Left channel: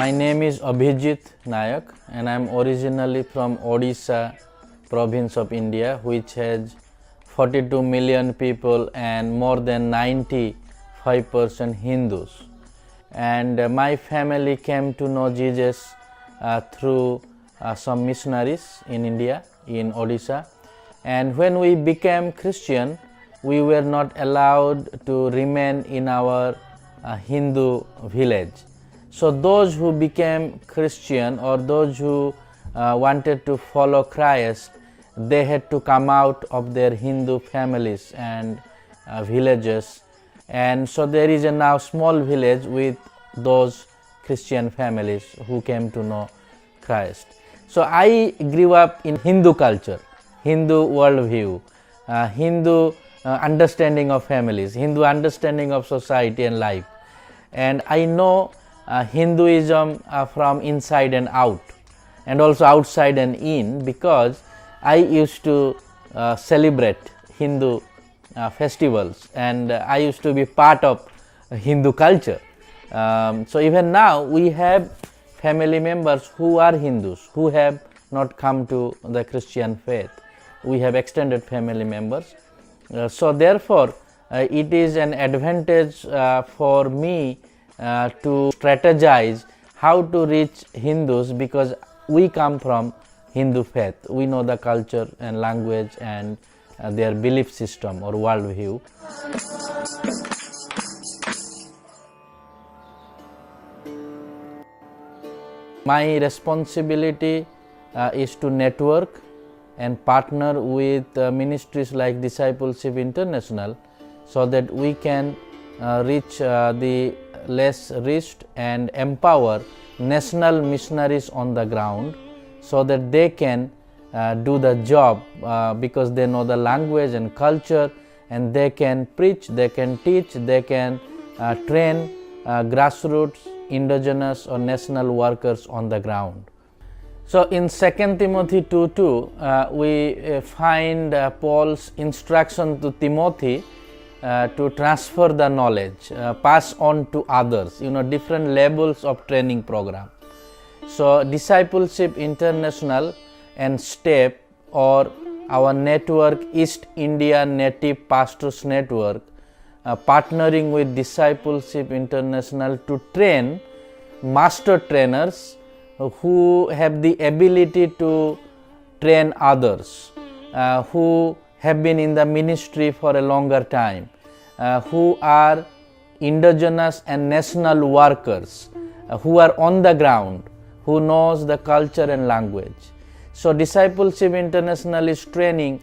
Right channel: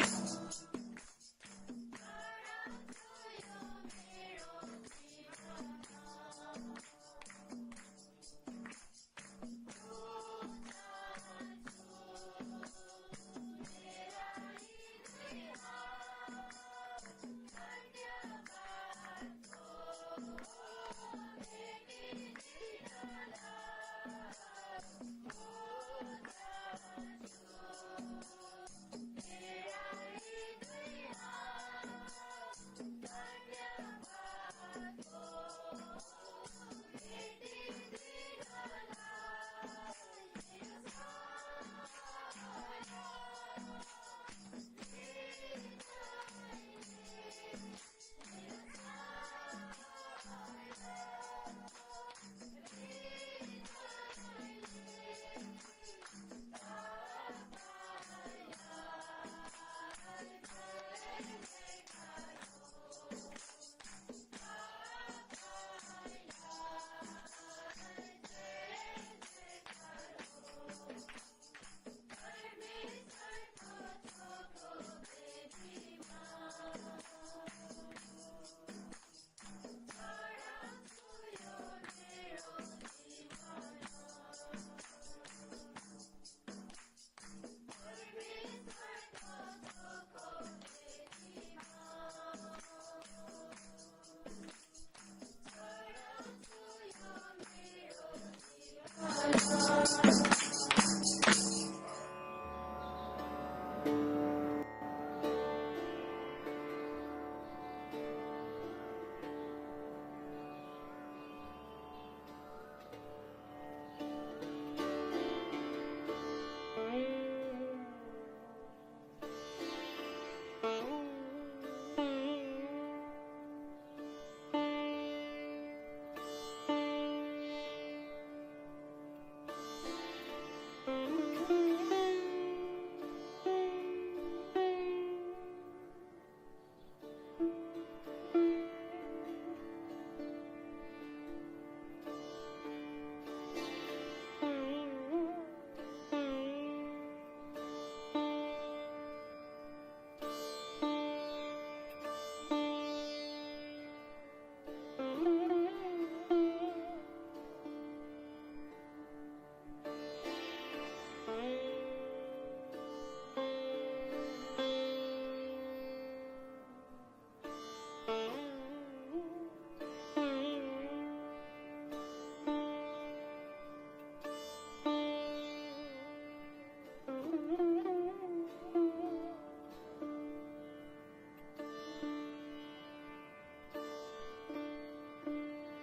My name is Abhijit Nayak and I am originally from Odisha province of India, which has 42 million people and more than 95% Hindus. And my family came to know Jesus through some missionaries in India, in Odisha. And when we became Christian, we were not allowed to remain in our Hindu village. So those who became Christian or those who wanted to follow Christ, they had to come out of their Hindu families and villages. And so there is a now small village with those Christian families who came to know Christ. So I grew up in Hindu culture, Hindu worldview, Hindu understanding of families, Hindu understanding of society and life. And I know Hinduism from inside and out, and also outside and in, because I used to celebrate Hindu festivals and I used to be part of Hindu culture. So even now we have family members who are Hindus, who have not come to the Christian faith. We have extended family members. So therefore it is an advantage for me to strategize how to reach Hindus, because we come from Hindu faith. We know the culture and language and their belief system or worldview. My responsibility is to network and partner with ministries like Discipleship International, so that we can reach the less reached and empower national missionaries on the ground, so that they can do the job because they know the language and culture, and they can preach, they can teach, they can train grassroots, indigenous or national workers on the ground. So in 2 Timothy 2:2 we find Paul's instruction to Timothy to transfer the knowledge, pass on to others, different levels of training program. So Discipleship International and STEP, or our network, East India Native Pastors Network, partnering with Discipleship International to train master trainers who have the ability to train others, who have been in the ministry for a longer time, who are indigenous and national workers, who are on the ground, who knows the culture and language. So Discipleship International is training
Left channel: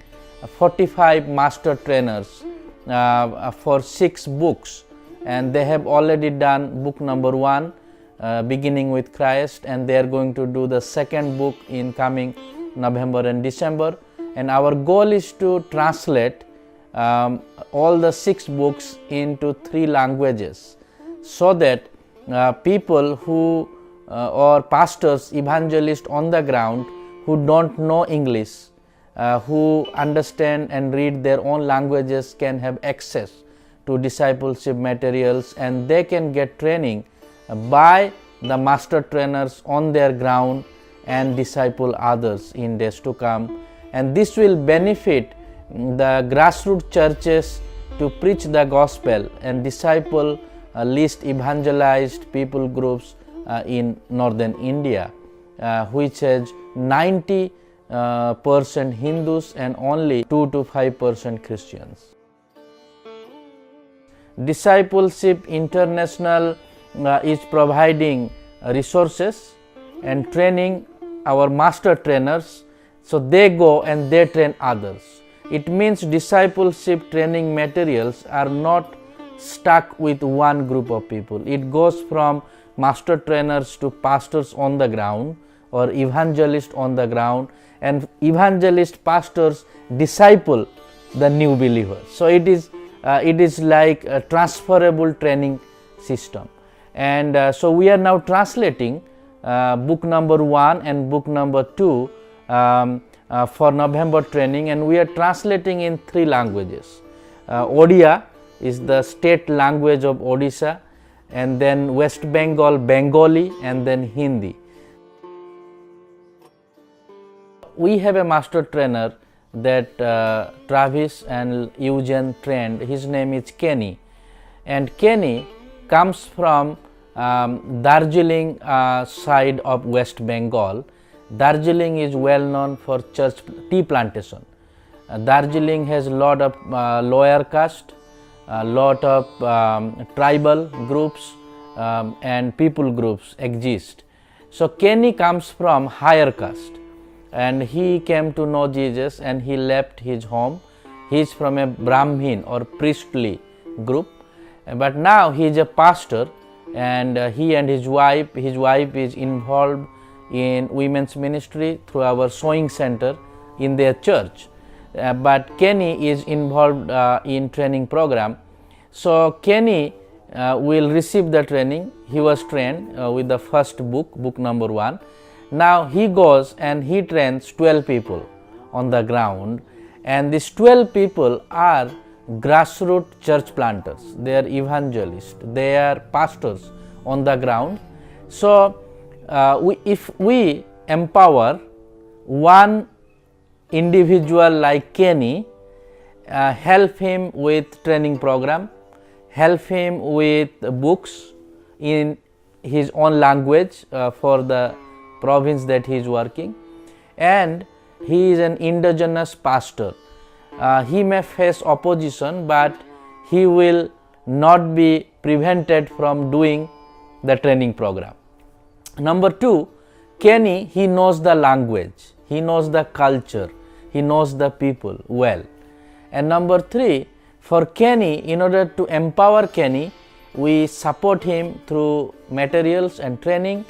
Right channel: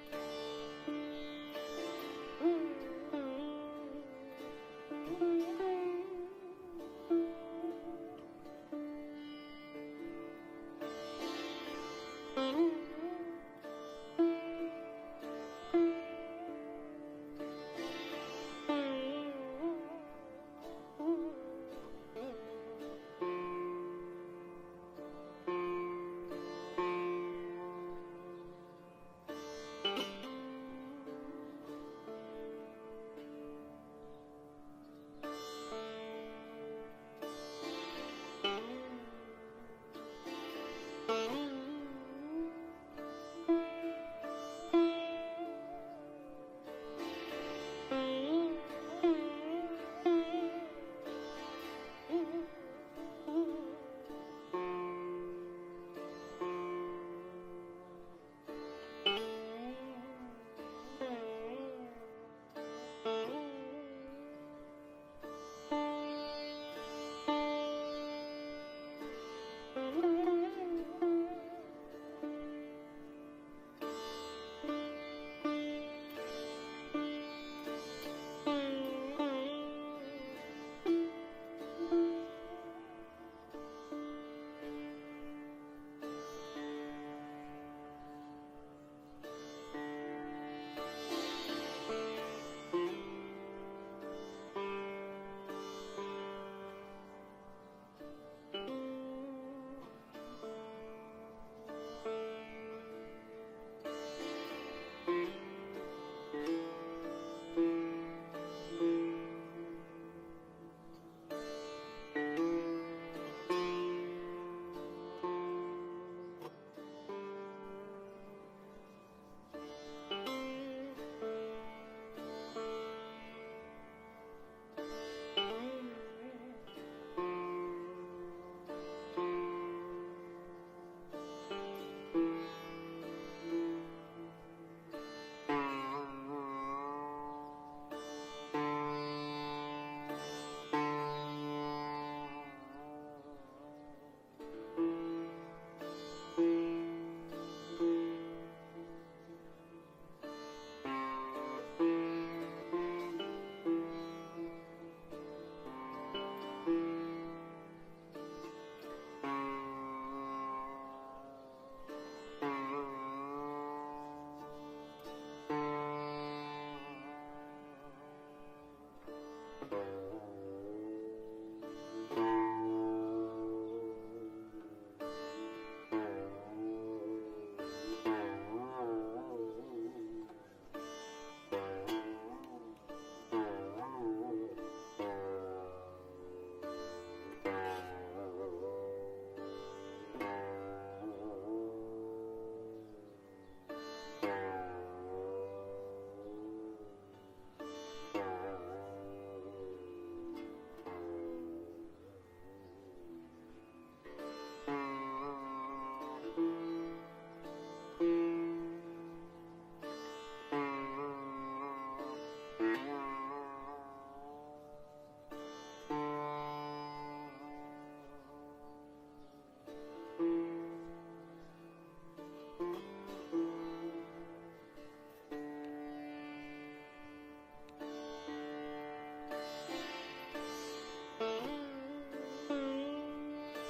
45 master trainers for 6 books, and they have already done book number 1, beginning with Christ, and they are going to do the second book in coming November and December. And our goal is to translate all the 6 books into 3 languages, so that people who or pastors, evangelists on the ground who don't know English, who understand and read their own languages, can have access to discipleship materials, and they can get training by the master trainers on their ground and disciple others in days to come. And this will benefit the grassroots churches to preach the gospel and disciple least evangelized people groups in northern India, which has 90% Hindus and only 2 to 5% Christians. Discipleship International is providing resources and training our master trainers, so they go and they train others. It means discipleship training materials are not stuck with one group of people. It goes from master trainers to pastors on the ground or evangelists on the ground, and evangelist pastors disciple the new believers. So it is like a transferable training system. And so we are now translating book number 1 and book number 2 for November training, and we are translating in 3 languages. Odia is the state language of Odisha, and then West Bengal Bengali, and then Hindi. We have a master trainer that Travis and Eugene trained. His name is Kenny, and Kenny comes from Darjeeling side of West Bengal. Darjeeling is well known for tea plantation. Darjeeling has a lot of lower caste, a lot of tribal groups and people groups exist. So Kenny comes from higher caste, and he came to know Jesus and he left his home. He is from a Brahmin or priestly group, but now he is a pastor, and he and his wife is involved in women's ministry through our sewing center in their church. But Kenny is involved in training program. So Kenny will receive the training. He was trained with the first book number 1. Now he goes and he trains 12 people on the ground, and these 12 people are grassroots church planters. They are evangelists, they are pastors on the ground. So if we empower one individual like Kenny, help him with training program, help him with books in his own language for the province that he is working, and he is an indigenous pastor. He may face opposition, but he will not be prevented from doing the training program. Number 2, Kenny, he knows the language, he knows the culture, he knows the people well. And number 3, for Kenny, in order to empower Kenny, we support him through materials and training.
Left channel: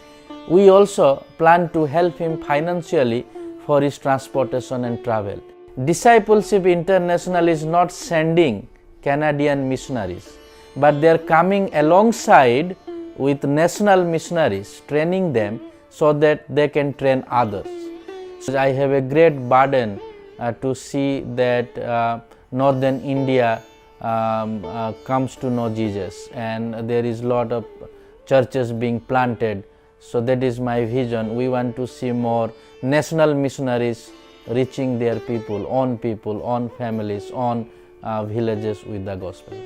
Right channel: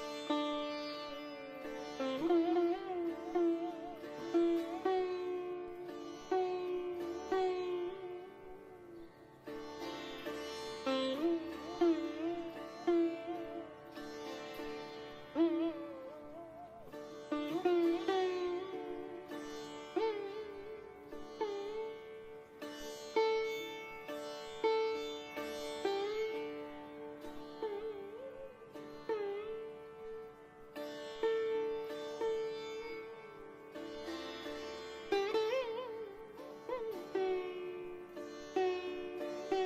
We also plan to help him financially for his transportation and travel. Discipleship International is not sending Canadian missionaries, but they are coming alongside with national missionaries, training them so that they can train others. So I have a great burden to see that northern India comes to know Jesus, and there is a lot of churches being planted. So that is my vision. We want to see more national missionaries reaching their people, own families, own villages with the gospel.